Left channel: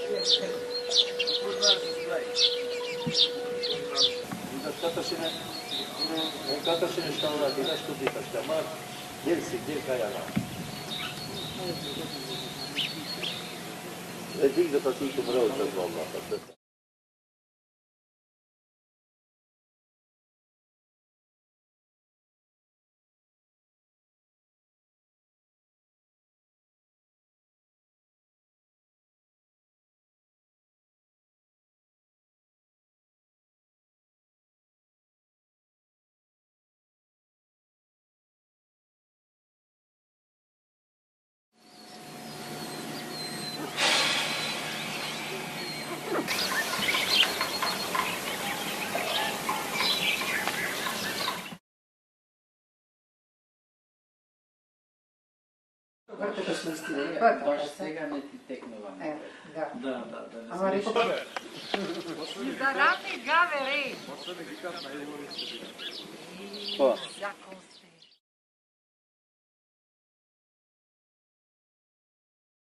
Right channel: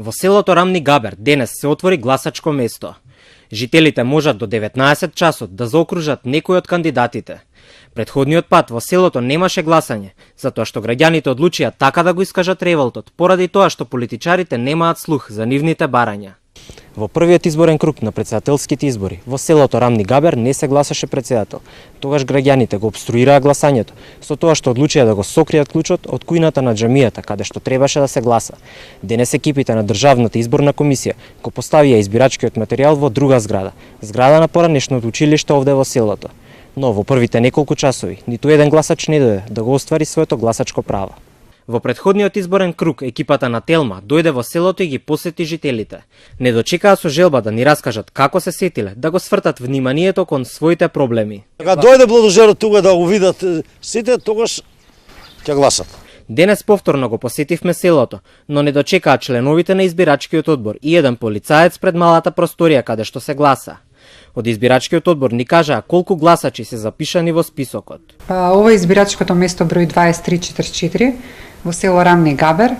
Во селото Рамни Габер денес се отвори гласачко место. Жителите можат до 19 часот да заокружат некој од кандидатите. Предходниот пат во селото немаше гласање, затоа што граѓаните одлучија така да го искажат револтот, поради тоа што политичарите немаат слух за нивните барања. Во првиот изборен круг на претседателските избори во селото Рамни Габер не се гласаше претседател. Тогаш граѓаните го обструираа гласањето со тоа што одлучија да го сокријат клучот од кујната на џамијата каде што требаше да се гласа. Денес екипите на Државната изборна комисија го поставија избирачкиот материјал во друга зграда на поранешното училиште овде во селото. Но во првите неколку часови ниту еден гласач не дојде да го оствари своето гласачко право. Во предходниот изборен круг екипата на Телма дојде во селото и ги посети жителите. Не дочекаа со желба да ни раскажат како се сетиле да го свртат вниманието кон своите проблеми. Кога дојде бладожерот тука да го видат сите, тогаш ќе гласат. Денес повторно го посетивме селото, но не дочекаа членовите на избирачкиот одбор и еден полицаец пред малата просторија каде што се гласа. Од избирачкиот одбор ни кажаа колку гласачи се запишани во списокот. Ова е избирачкото место број 2344 во село Рамни Габер.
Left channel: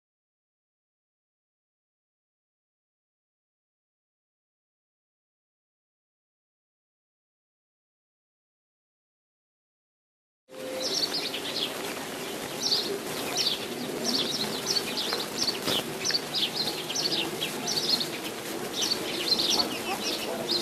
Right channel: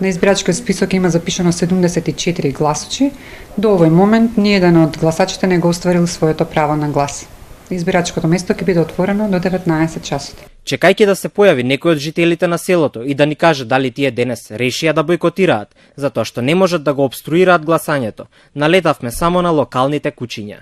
На избирачкиот список има запишано 74 гласачи. До овој момент ниеден од гласачите не го остварил своето право на глас. Избирачкото место ќе биде отворено до 19 часот. Чекајќи да се појави некој од жителите на селото и да ни каже дали тие денес решија да бойкотираат, затоа што не можат да го обструираат гласањето, налетавме само на локалните кучиња.